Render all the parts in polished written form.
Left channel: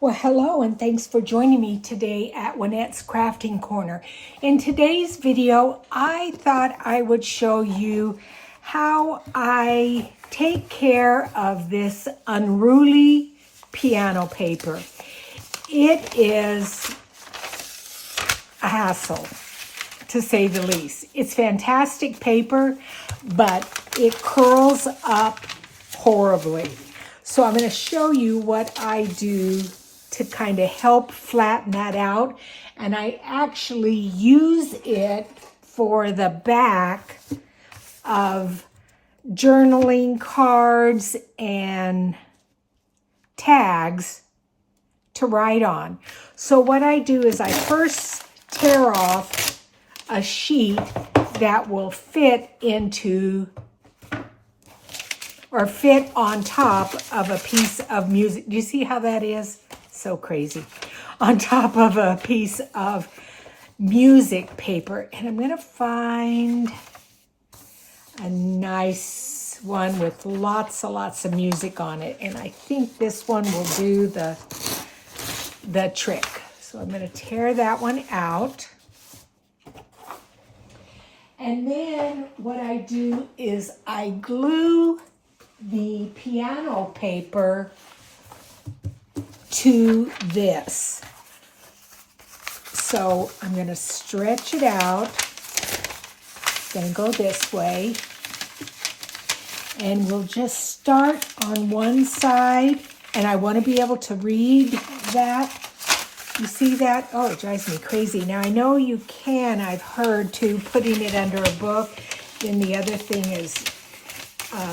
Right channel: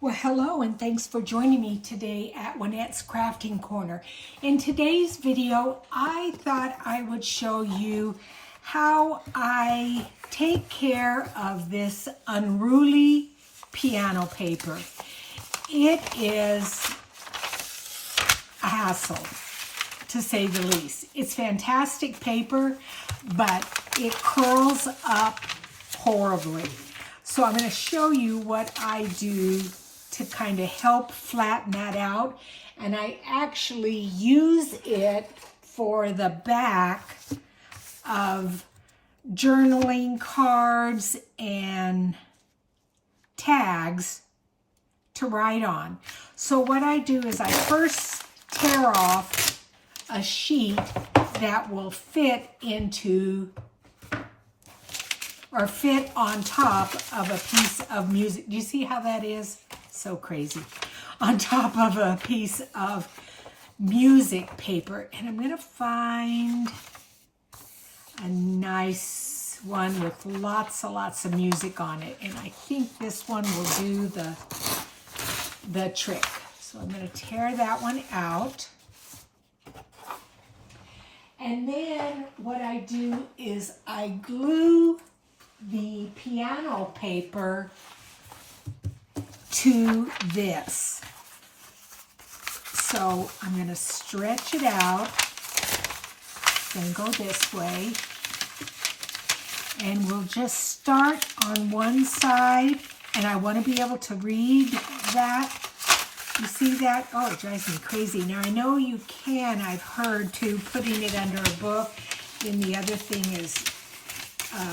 Well, hello and thanks for joining me today at Juanette's Crafting Corner. In today's video, I thought I would show you how I take care of this unruly piano paper. It is a hassle, to say the least. It's fantastic paper, but it curls up horribly. So I'm going to show you what I do to kind of help flatten that out. And I actually use it for the back of journaling cards and tags to write on. So what I do is I first tear off a sheet that will fit into or fit on top of a piece of music. Do you see how that is? So crazy. On top of a piece of music paper. And I'm going to find a nice one with lots of music on it. And I think this one will do the trick. So I'm going to tear that one out. And then what I do is I glue the piano paper to this. So I'm going to stretch it out. Then go this way. And we'll just start on one side. And I want to be able to read that. You see that? Oh, it drives me crazy. Now I know you can, I've heard, too, putting it under a book. Then the other thing is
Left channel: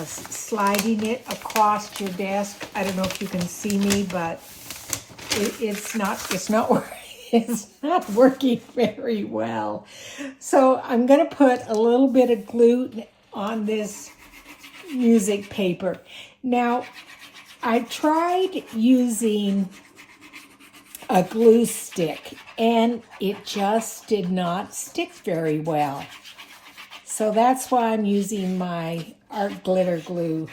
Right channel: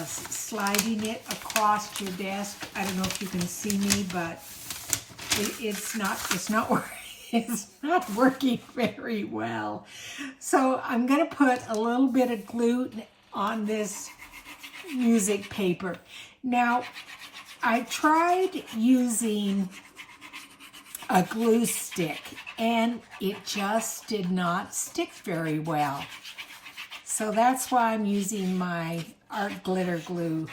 sliding it across your desk. I don't know if you can see me, but it's not working very well. So I'm going to put a little bit of glue on this music paper. Now, I tried using a glue stick and it just did not stick very well. So that's why I'm using my art glitter glue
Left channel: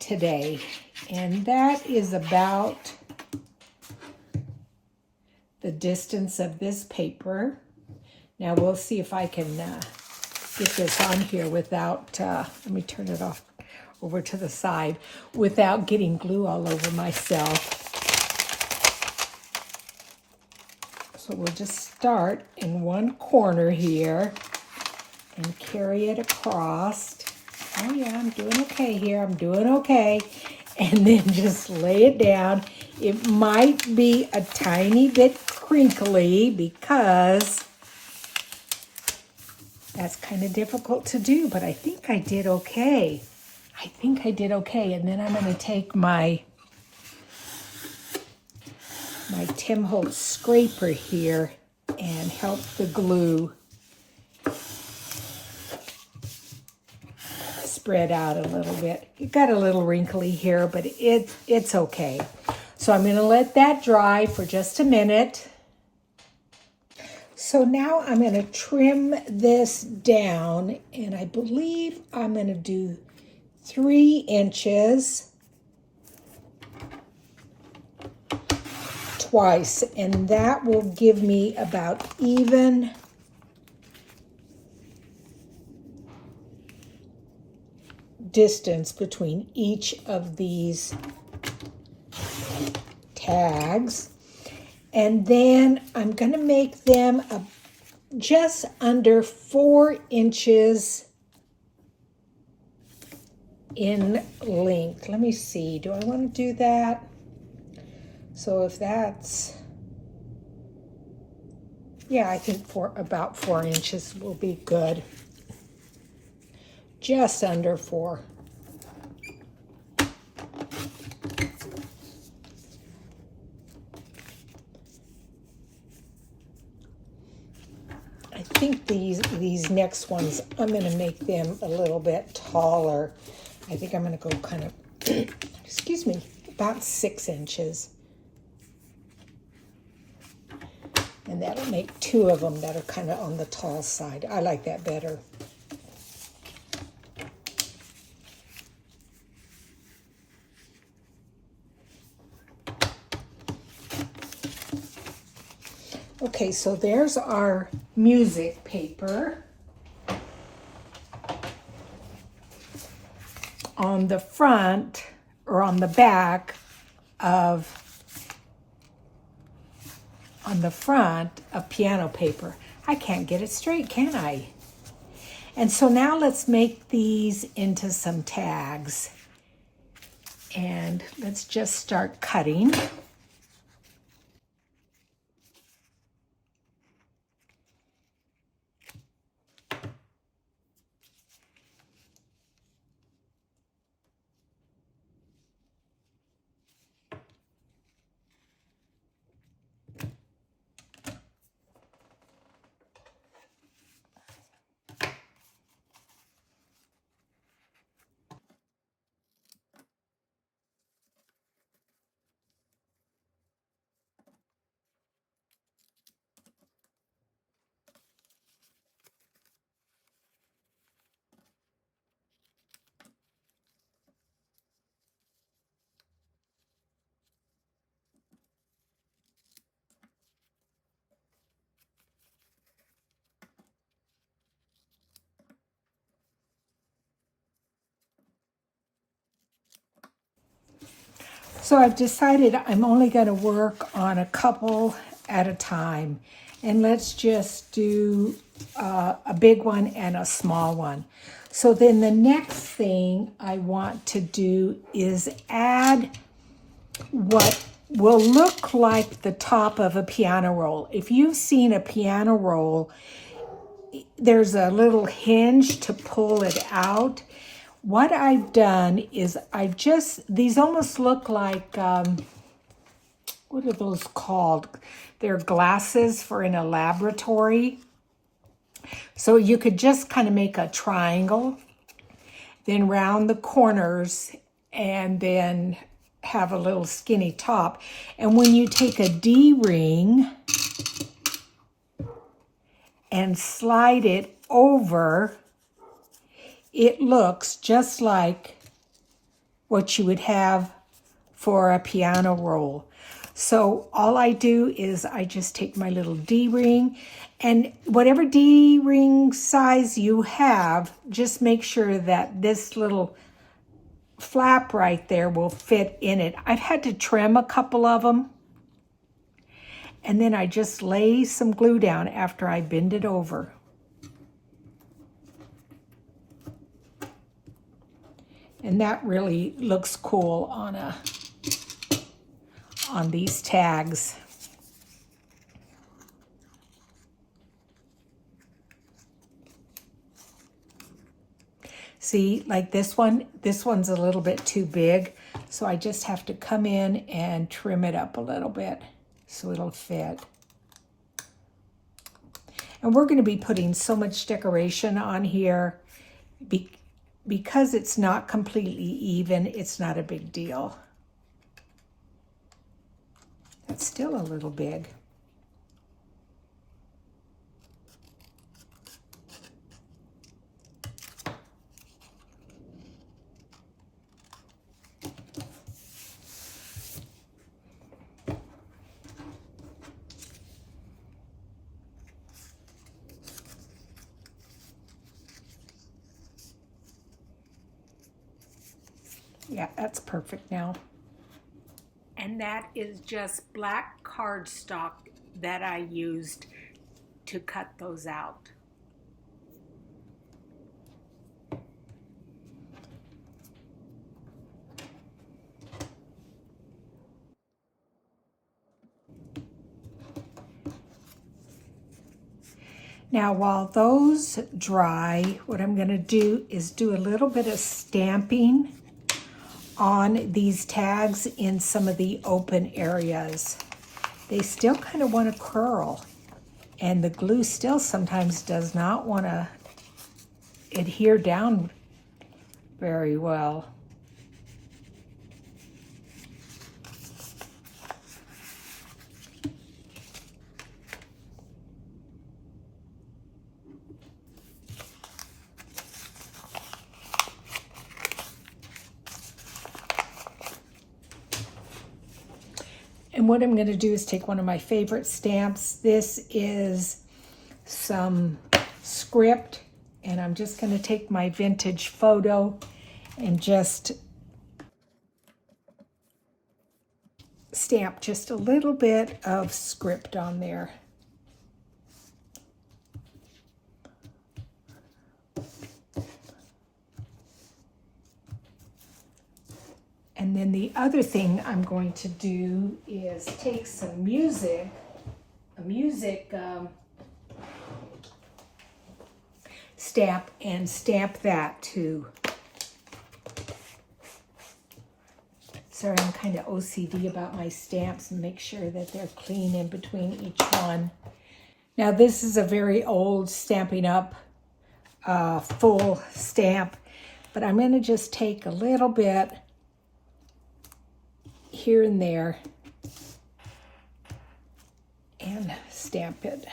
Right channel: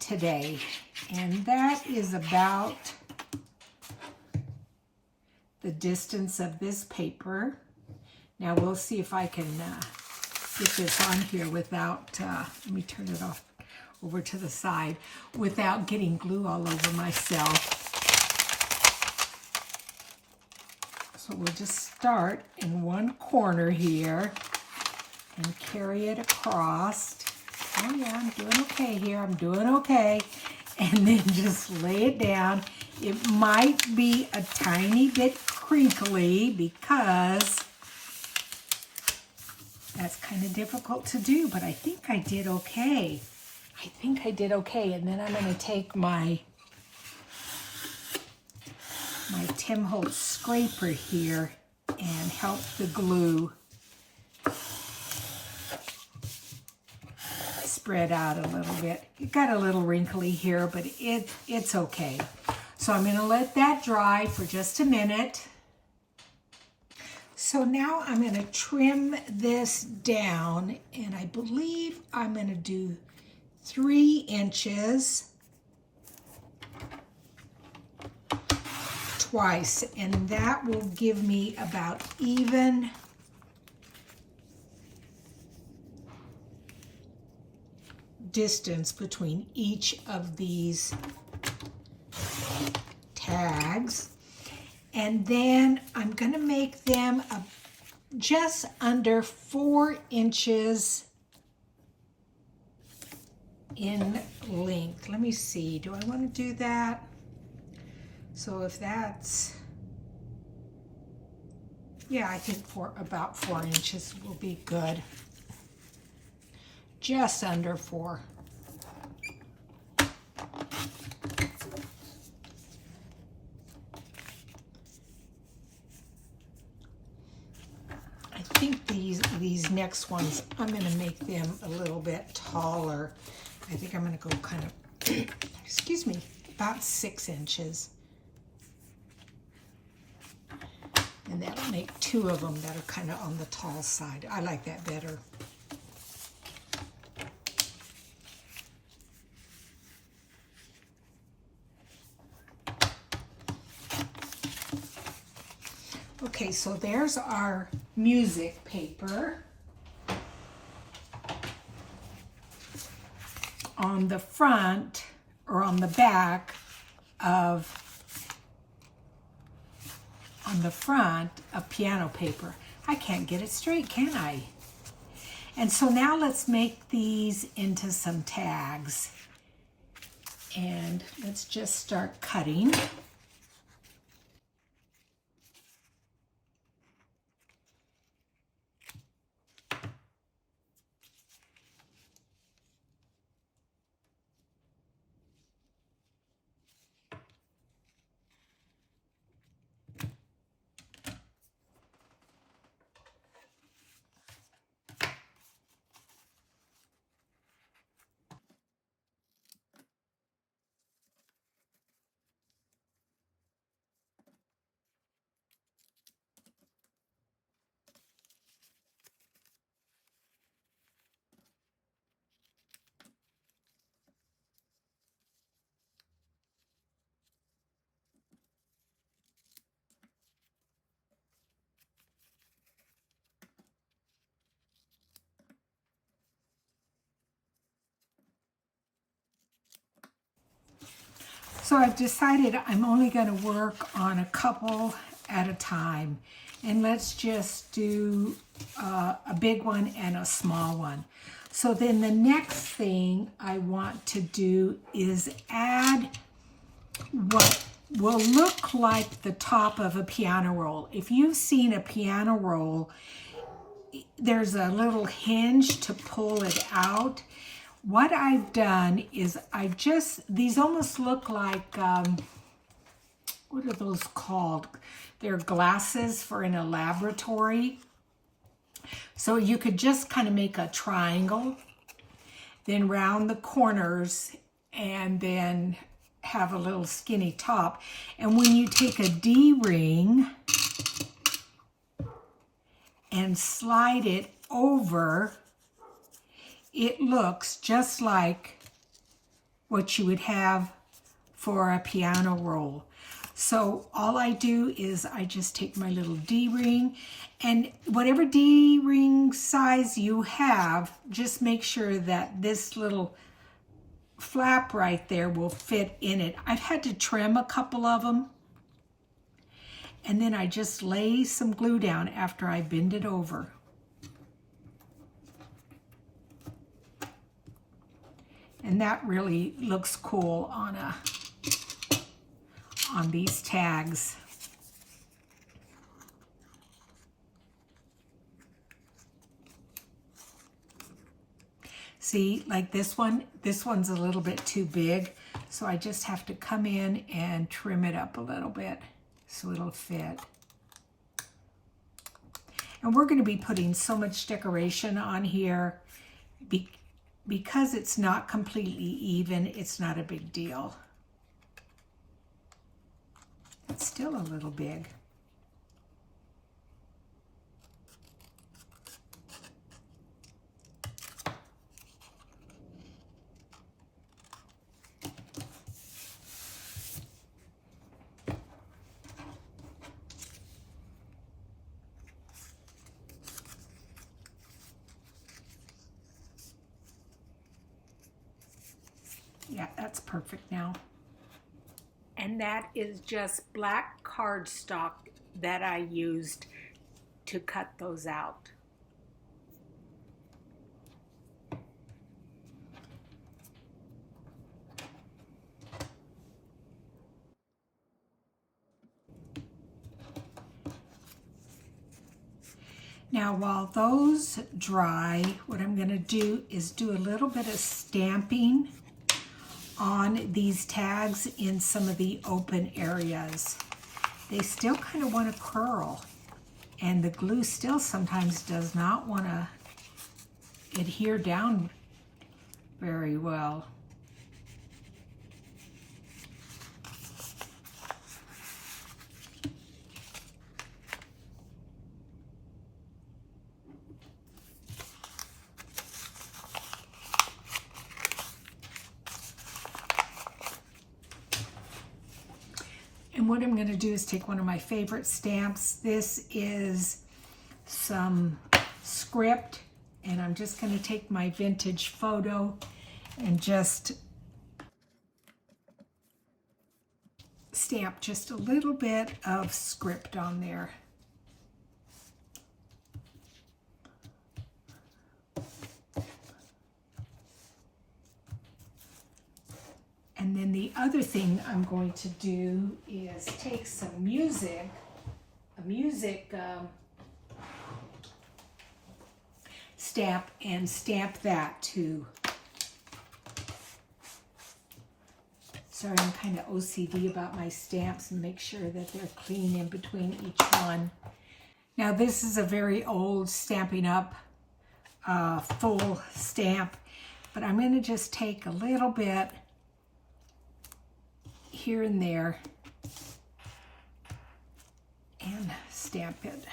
today. And that is about the distance of this paper. Now we'll see if I can get this on here without, let me turn it off over to the side, without getting glue all over myself. So we'll just start in one corner here and carry it across. Oh yeah, I'm doing okay here. I'm doing okay. And then just lay it down. It might be a tiny bit crinkly because that's kind of difficult to do, but I think I did okay. And then I'm going to take my Tim Holtz scraper here and help the glue spread out a little bit. It got a little wrinkly here, but it's okay. So I'm going to let that dry for just a minute. So now I'm going to trim this down, and I believe I'm going to do 3 inches twice, and that will give me about even distance between each of these tags. And then I'm going to make them just under 4 inches in length. Let me see, do I want to do that? So if that's, yeah, I think about 4 inches will be good. Just under 4. I think these next ones, I'm going to make them a little bit taller. I think I'm going to go kind of, excuse me, about 6 inches. And that'll make 2 of them that are kind of on the tall side. I like that better. Okay, so there's our music paper. On the front or on the back of piano paper. I can't get it straight, can I? And so now let's make these into some tags. And let's just start cutting. So I've decided I'm only going to work on a couple at a time. And let's just do a big one and a small one. So then the next thing I want to do is add what will look like the top of a piano roll. If you've seen a piano roll, there's a little hinge to pull it out. What I've done is these almost look like, what are those called? They're glasses for in a laboratory. So you could just kind of make a triangle, then round the corners, and then have a little skinny top. And when you take a D-ring and slide it over, it looks just like what you would have for a piano roll. So all I do is I just take my little D-ring, and whatever D-ring size you have, just make sure that this little flap right there will fit in it. I've had to trim a couple of them, and then I just lay some glue down after I bend it over. And that really looks cool on these tags. See, like this one's a little bit too big, so I just have to come in and trim it up a little bit so it'll fit. And we're going to be putting so much decoration on here. Because it's not completely even, it's not a big deal. It's still a little big. Yeah, that's perfect now. And that is just black cardstock that I used to cut those out. Now, while those dry, what I'm going to do is do a little bit of stamping on these tags in some of the open areas. They still kind of want to curl, and the glue still sometimes does not want to adhere down very well. And what I'm going to do is take one of my favorite stamps. This is some script, and I'm just going to take my vintage photo and just stamp just a little bit of script on there. And then the other thing I'm going to do is take some a music stamp, and stamp that too. Sorry, I'm kind of OCD about my stamps and make sure that they're clean in between each one. Now this is a very old Stampin' Up! Full stamp, but I'm going to just take a little bit here and there and stamp it.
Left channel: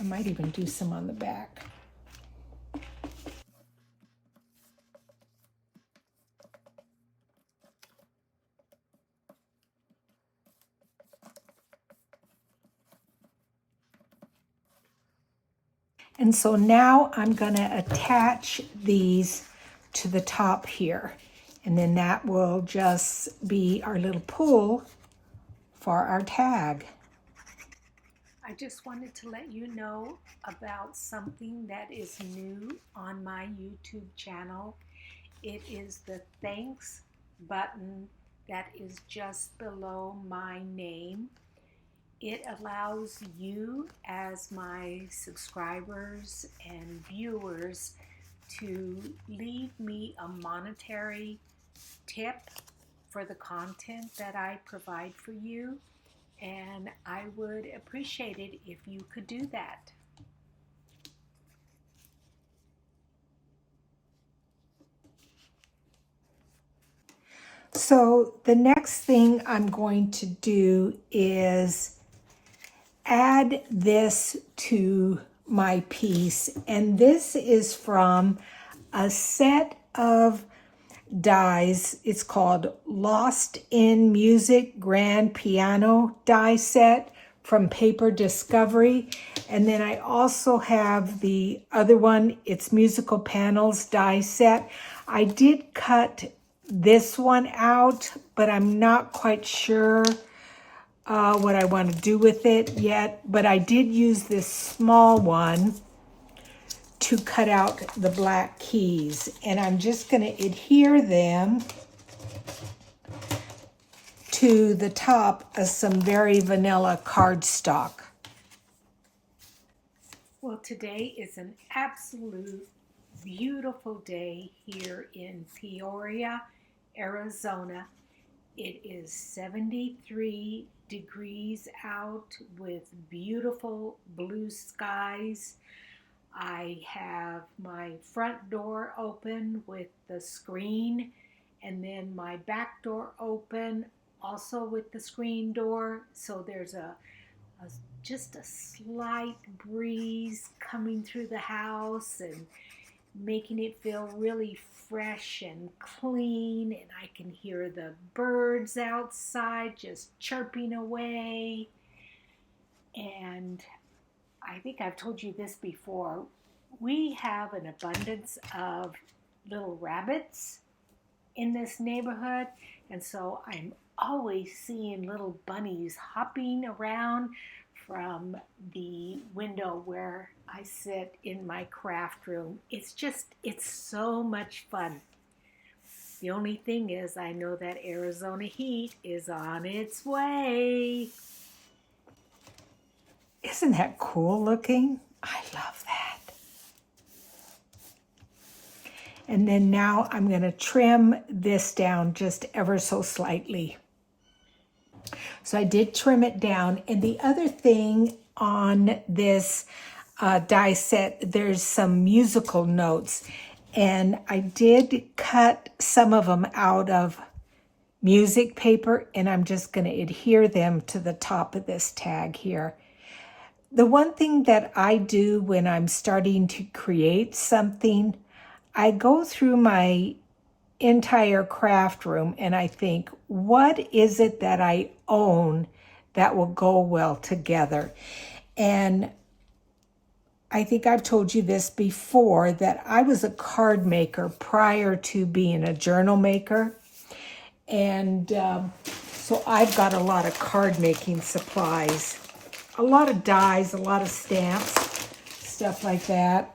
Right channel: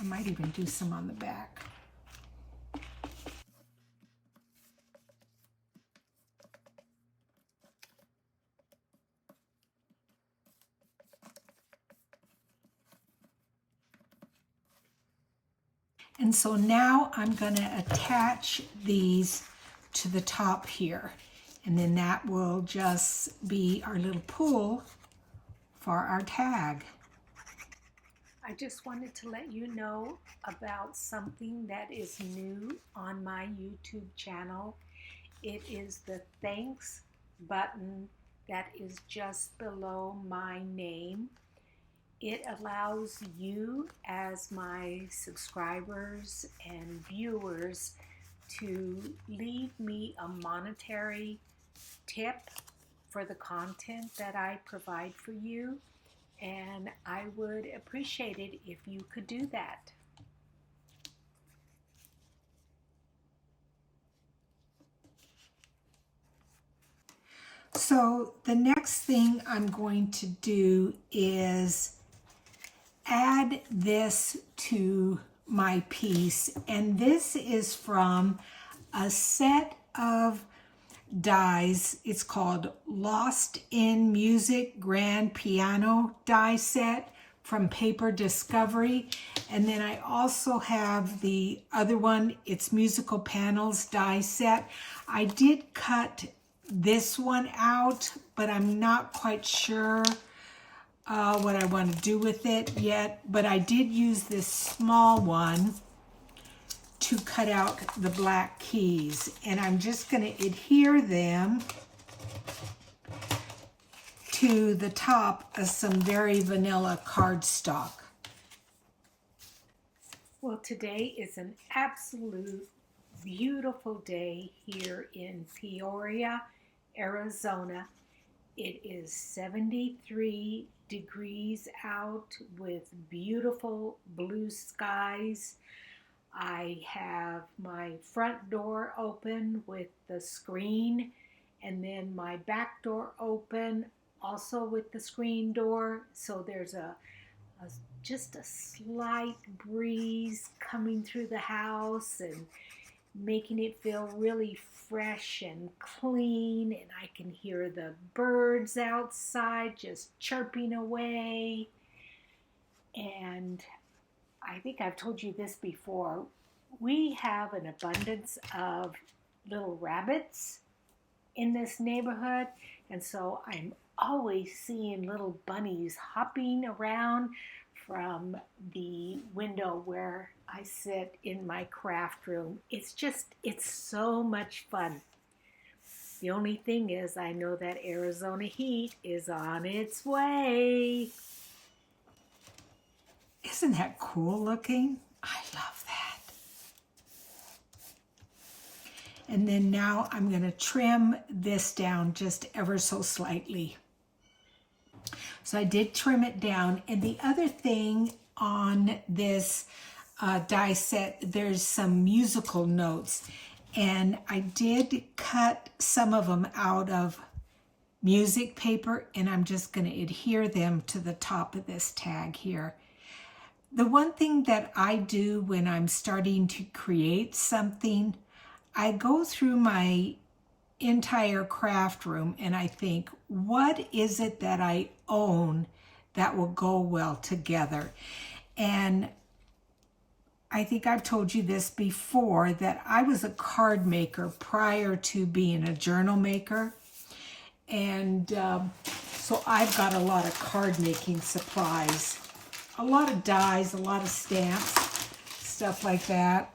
I might even do some on the back. And so now I'm going to attach these to the top here. And then that will just be our little pull for our tag. I just wanted to let you know about something that is new on my YouTube channel. It is the thanks button that is just below my name. It allows you as my subscribers and viewers to leave me a monetary tip for the content that I provide for you, and I would appreciate it if you could do that. So the next thing I'm going to do is add this to my piece, and this is from a set of dies. It's called Lost in Music Grand Piano die set from Paper Discovery. And then I also have the other one, it's Musical Panels die set. I did cut this one out, but I'm not quite sure what I want to do with it yet. But I did use this small one to cut out the black keys, and I'm just going to adhere them to the top of some very vanilla cardstock. Well, today is an absolute beautiful day here in Peoria, Arizona. It is 73 degrees out with beautiful blue skies. I have my front door open with the screen, and then my back door open also with the screen door. So there's just a slight breeze coming through the house and making it feel really fresh and clean, and I can hear the birds outside just chirping away. And I think I've told you this before. We have an abundance of little rabbits in this neighborhood, and so I'm always seeing little bunnies hopping around from the window where I sit in my craft room. It's so much fun. The only thing is, I know that Arizona heat is on its way. Isn't that cool looking? I love that. And then now I'm going to trim this down just ever so slightly. So I did trim it down. And the other thing on this die set, there's some musical notes. And I did cut some of them out of music paper, and I'm just going to adhere them to the top of this tag here. The one thing that I do when I'm starting to create something, I go through my entire craft room and I think, what is it that I own that will go well together. And I think I've told you this before, that I was a card maker prior to being a journal maker. And so I've got a lot of card making supplies, a lot of dies, a lot of stamps, stuff like that.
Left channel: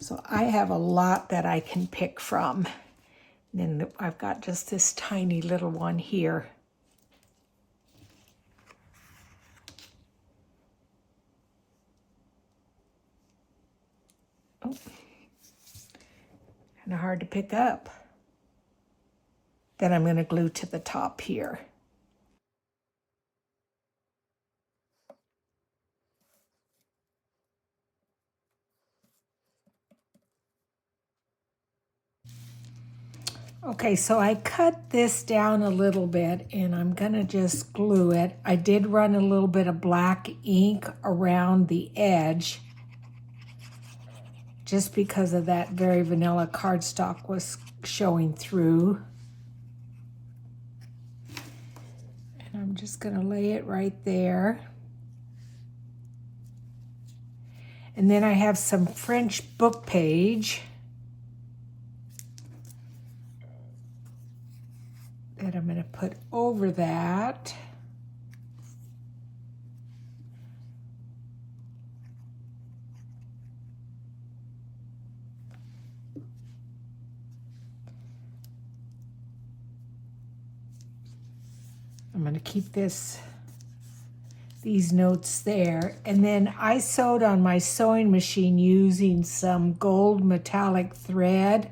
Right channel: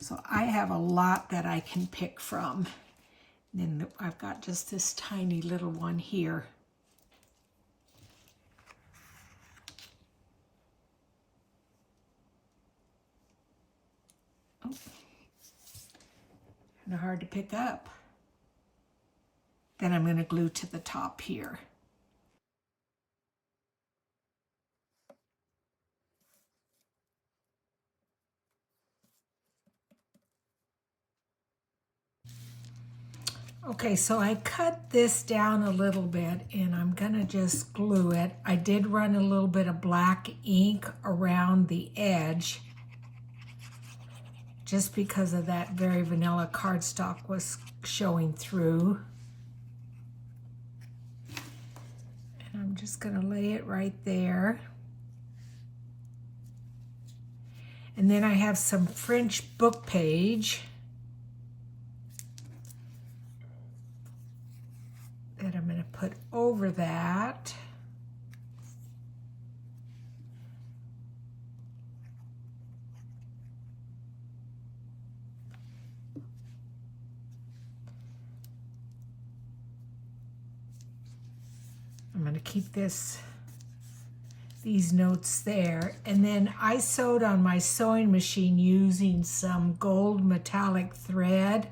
So I have a lot that I can pick from. And then I've got just this tiny little one here. Oh, kind of hard to pick up. Then I'm going to glue to the top here. Okay, so I cut this down a little bit and I'm gonna just glue it. I did run a little bit of black ink around the edge just because of that very vanilla cardstock was showing through. And I'm just gonna lay it right there. And then I have some French book page that I'm going to put over that. I'm going to keep these notes there. And then I sewed on my sewing machine using some gold metallic thread.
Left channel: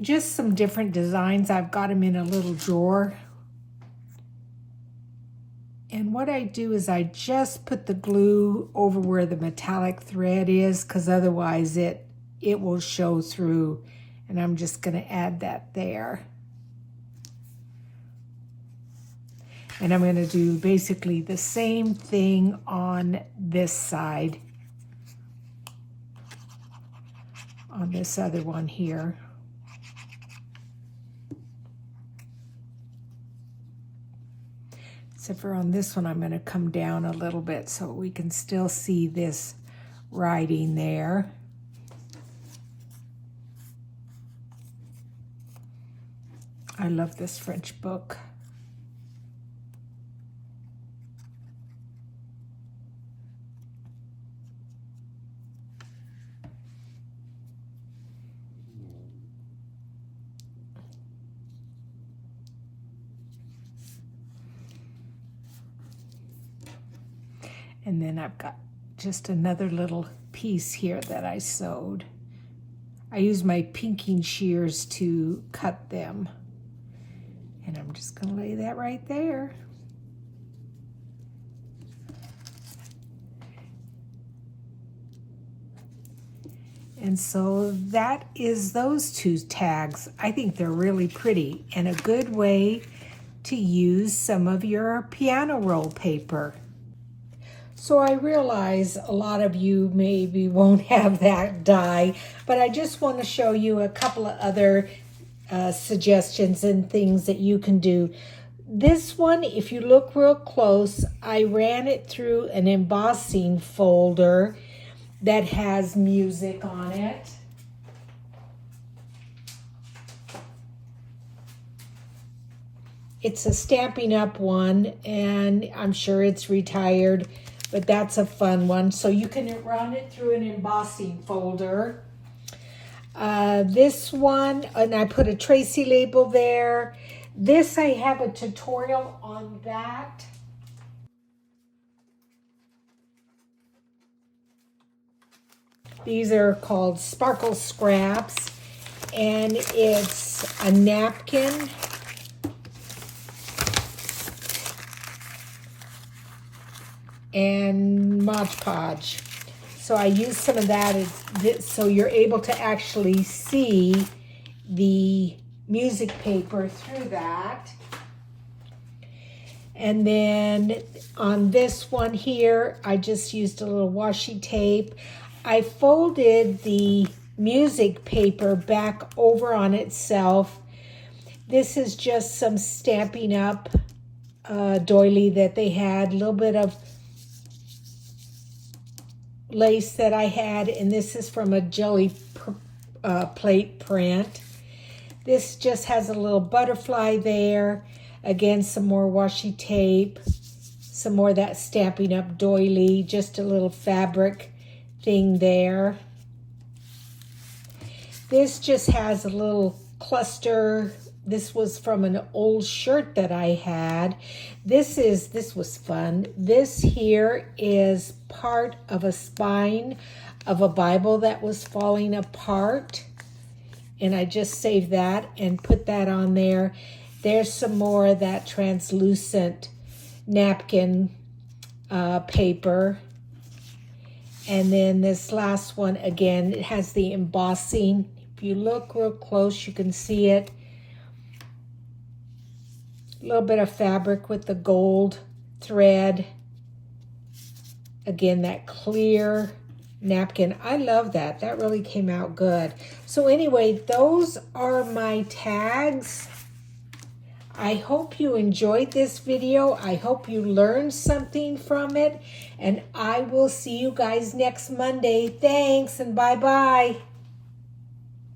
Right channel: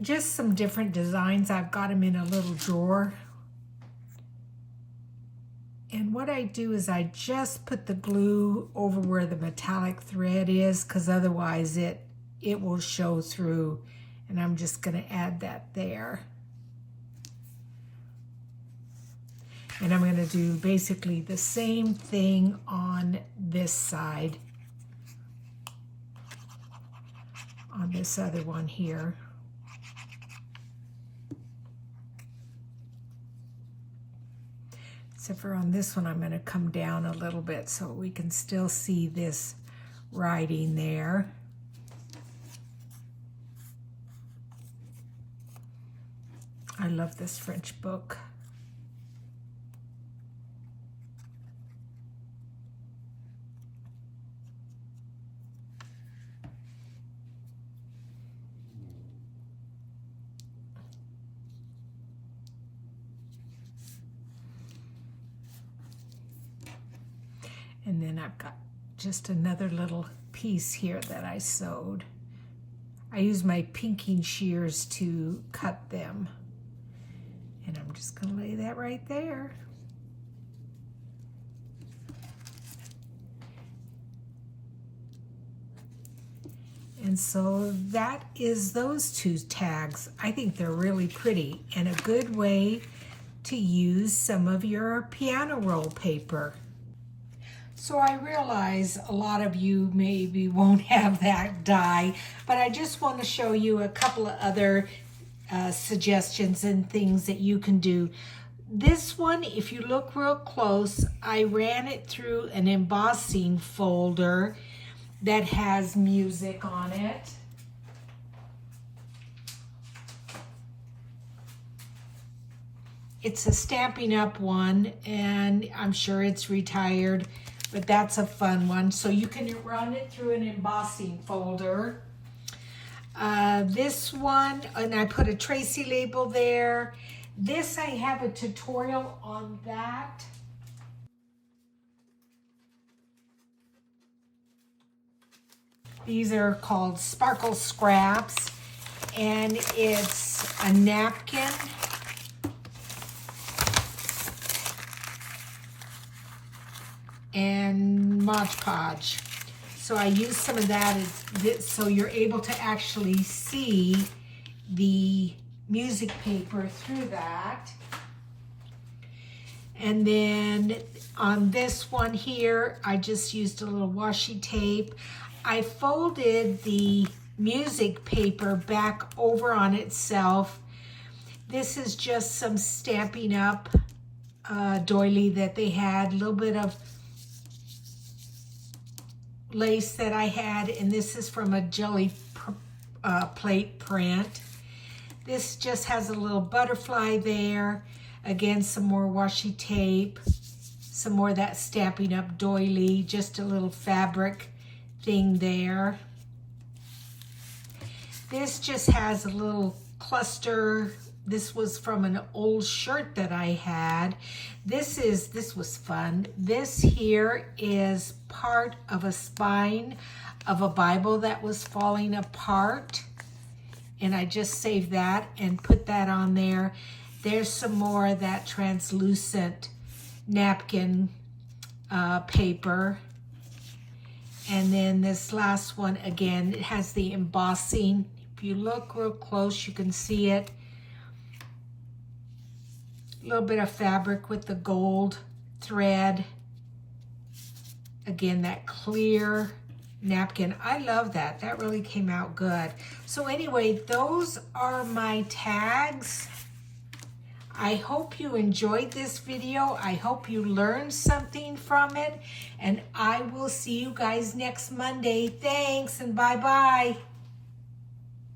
Just some different designs. I've got them in a little drawer. And what I do is I just put the glue over where the metallic thread is, because otherwise it will show through. And I'm just going to add that there. And I'm going to do basically the same thing on this side, on this other one here. Except for on this one, I'm going to come down a little bit so we can still see this writing there. I love this French book. And then I've got just another little piece here that I sewed. I use my pinking shears to cut them. And I'm just going to lay that right there. And so that is those two tags. I think they're really pretty and a good way to use some of your piano roll paper. So I realize a lot of you maybe won't have that die, but I just want to show you a couple of other suggestions and things that you can do. This one, if you look real close, I ran it through an embossing folder that has music on it. It's a Stampin' Up! One, and I'm sure it's retired, but that's a fun one. So you can run it through an embossing folder. This one, and I put a Tracy label there. This, I have a tutorial on that. These are called Sparkle Scraps, and it's a napkin. And Mod Podge. So I use some of that so you're able to actually see the music paper through that. And then on this one here, I just used a little washi tape. I folded the music paper back over on itself This is just some Stampin' Up doily that they had. A little bit of lace that I had, and this is from a jelly plate print. This just has a little butterfly there. Again, some more washi tape, some more of that Stampin' Up doily, just a little fabric thing there. This just has a little cluster. This was from an old shirt that I had. This was fun. This here is part of a spine of a Bible that was falling apart. And I just saved that and put that on there. There's some more of that translucent napkin paper. And then this last one, again, it has the embossing. If you look real close, you can see it. A little bit of fabric with the gold thread. Again, that clear napkin. I love that. That really came out good. So anyway, those are my tags. I hope you enjoyed this video. I hope you learned something from it. And I will see you guys next Monday. Thanks and bye-bye.